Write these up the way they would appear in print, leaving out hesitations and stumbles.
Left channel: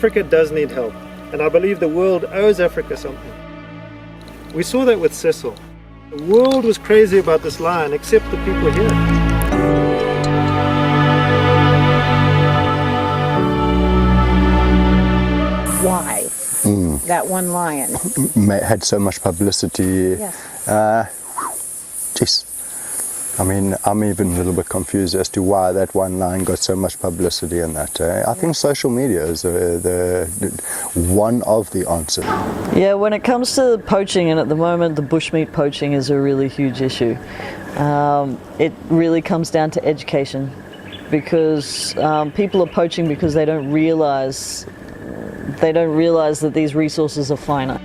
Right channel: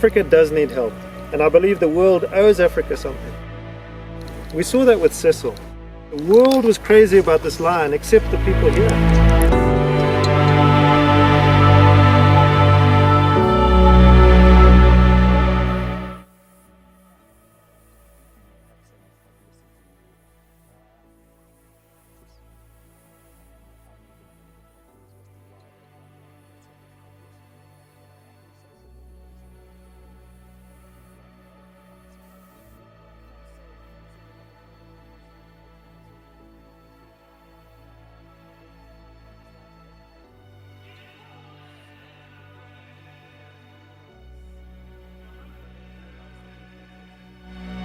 Africa does need help, and I believe the world owes Africa something. We saw that with Cecil. The world was crazy about this lion, except the people here. Why that one lion? Had so much publicity. Yes. Geez. I mean, I'm even a little bit confused as to why that one lion got so much publicity in that. I think social media is one of the answers. Yeah, when it comes to poaching, and at the moment the bushmeat poaching is a really huge issue. It really comes down to education, because people are poaching because they don't realize that these resources are finite.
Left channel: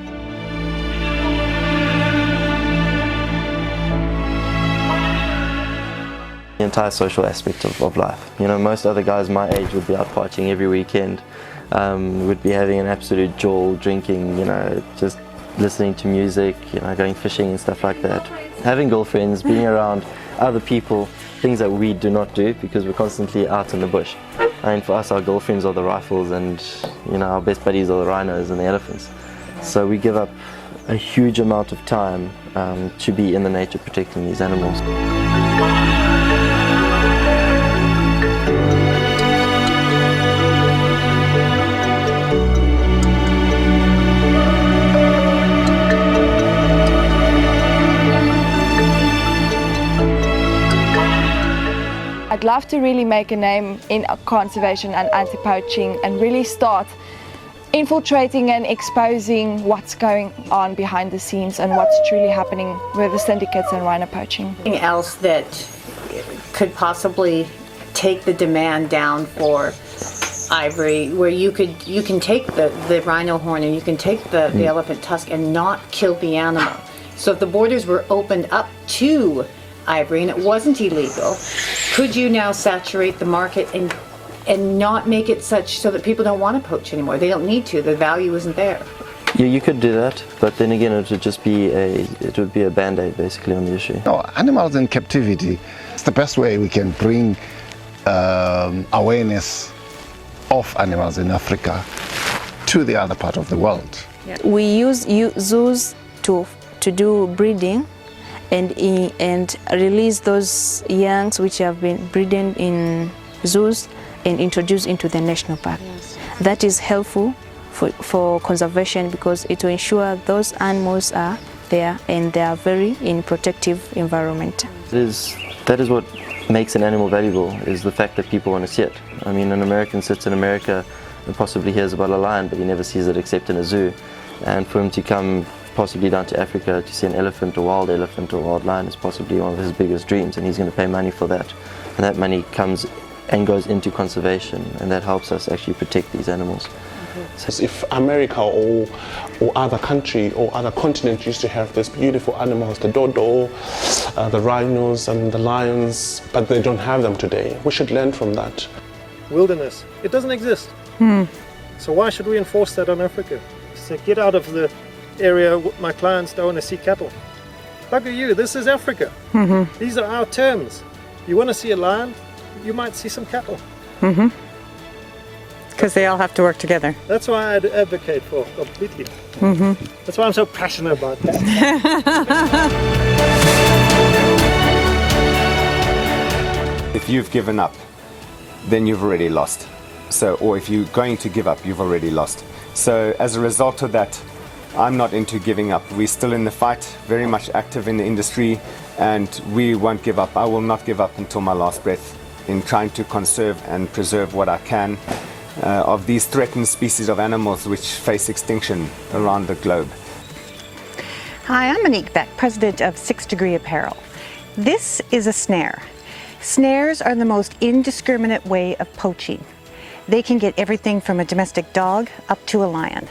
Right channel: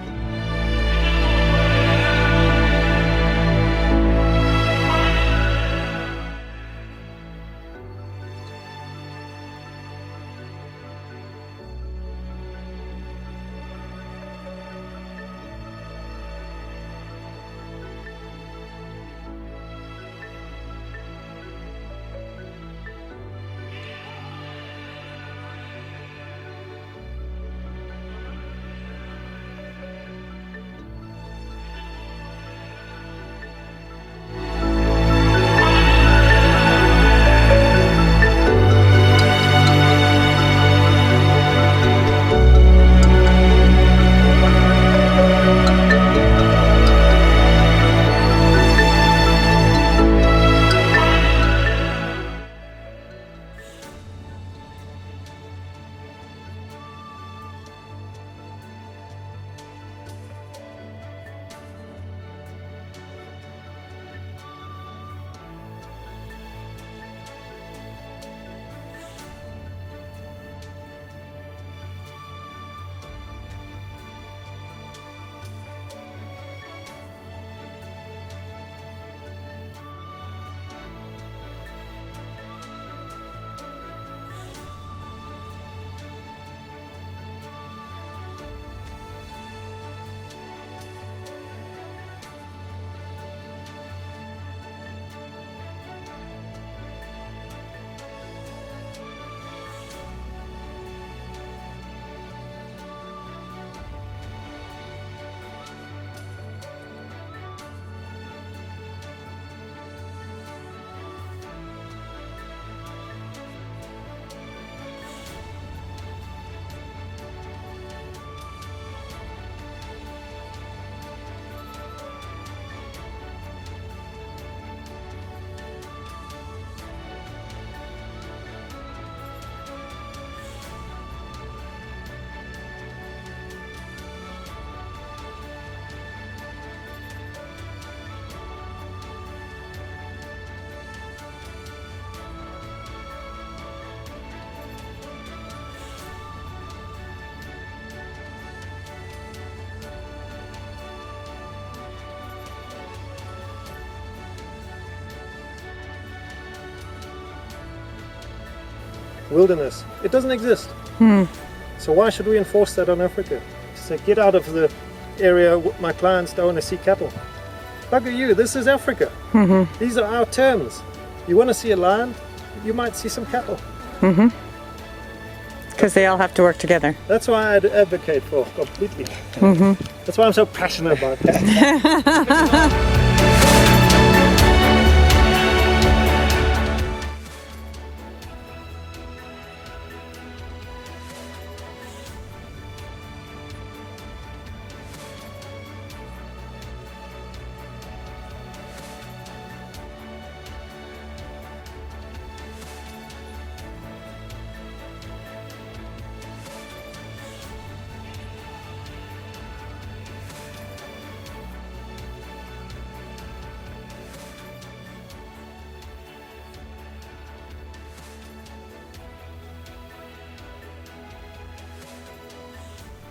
The entire social aspect of life. You know, most other guys my age would be out poaching every weekend, would be having an absolute jaw, drinking, you know, just listening to music, you know, going fishing and stuff like that. Having girlfriends, being around other people, things that we do not do because we're constantly out in the bush. I mean, for us, our girlfriends are the rifles, and, you know, our best buddies are the rhinos and the elephants. So we give up a huge amount of time to be in the nature protecting these animals. I'd love to really make a name in conservation and anti-poaching and really start infiltrating and exposing what's going on behind the scenes and what's truly happening with the syndicates and rhino poaching. Anything else that could possibly take the demand down for ivory, where you can take the rhino horn and you can take the elephant tusk and not kill the animal. So if the borders were opened up to ivory and it wasn't illegal, could you now saturate the market and not make it such so that people don't want to poach anymore? They don't need to. The value isn't there. Yeah, you could do that, but then again, it would just be a band-aid basically on the issue. No, animals in captivity. It's the best way we can bring awareness of animals in Africa to the other part of the world. We use zoos to do breeding and release those youngs which have been breeding in zoos and introduce into the national park. Yes. That is helpful for conservation because it will ensure those animals are there and they are very in protective environment. That is what makes an animal valuable, is the fact that people want to see it. I mean, an American sits in America and possibly hears about a lion, but he never sees it except in a zoo. And for him to come possibly down to Africa to see an elephant or wild lion is possibly one of his biggest dreams, and he's going to pay money for that. And that money comes and goes into conservation, and that helps us actually protect these animals. So if America or other country or other continent used to have these beautiful animals, the dodo, the rhinos and the lions, but they don't have them today, we should learn from that. Wilderness, it doesn't exist. So why should we enforce that on Africa? So get out of the area, my clients don't want to see cattle. Bugger you, this is Africa. These are our terms. You want to see a lion, you might see some cattle. Because they all have to work together. That's why I'd advocate for completely. That's why I'm so passionate about this. If you've given up, then you've already lost. So, or if you're going to give up, you've already lost. So as a result of that, I'm not into giving up. We're still in the fight, very much active in the industry, and we won't give up. I will not give up until my last breath in trying to conserve and preserve what I can of these threatened species of animals which face extinction around the globe. Hi, I'm Monique Beck, president of 6 Degree Apparel. This is a snare. Snares are the most indiscriminate way of poaching. They can get everything from a domestic dog up to a lion.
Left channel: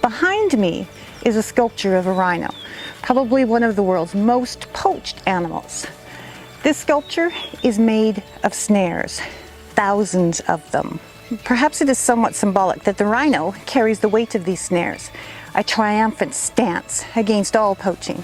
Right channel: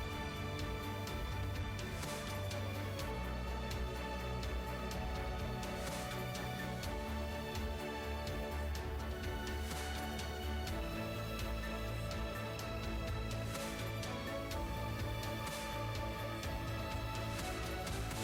Behind me is a sculpture of a rhino, probably one of the world's most poached animals. This sculpture is made of snares, thousands of them. Perhaps it is somewhat symbolic that the rhino carries the weight of these snares, a triumphant stance against all poaching.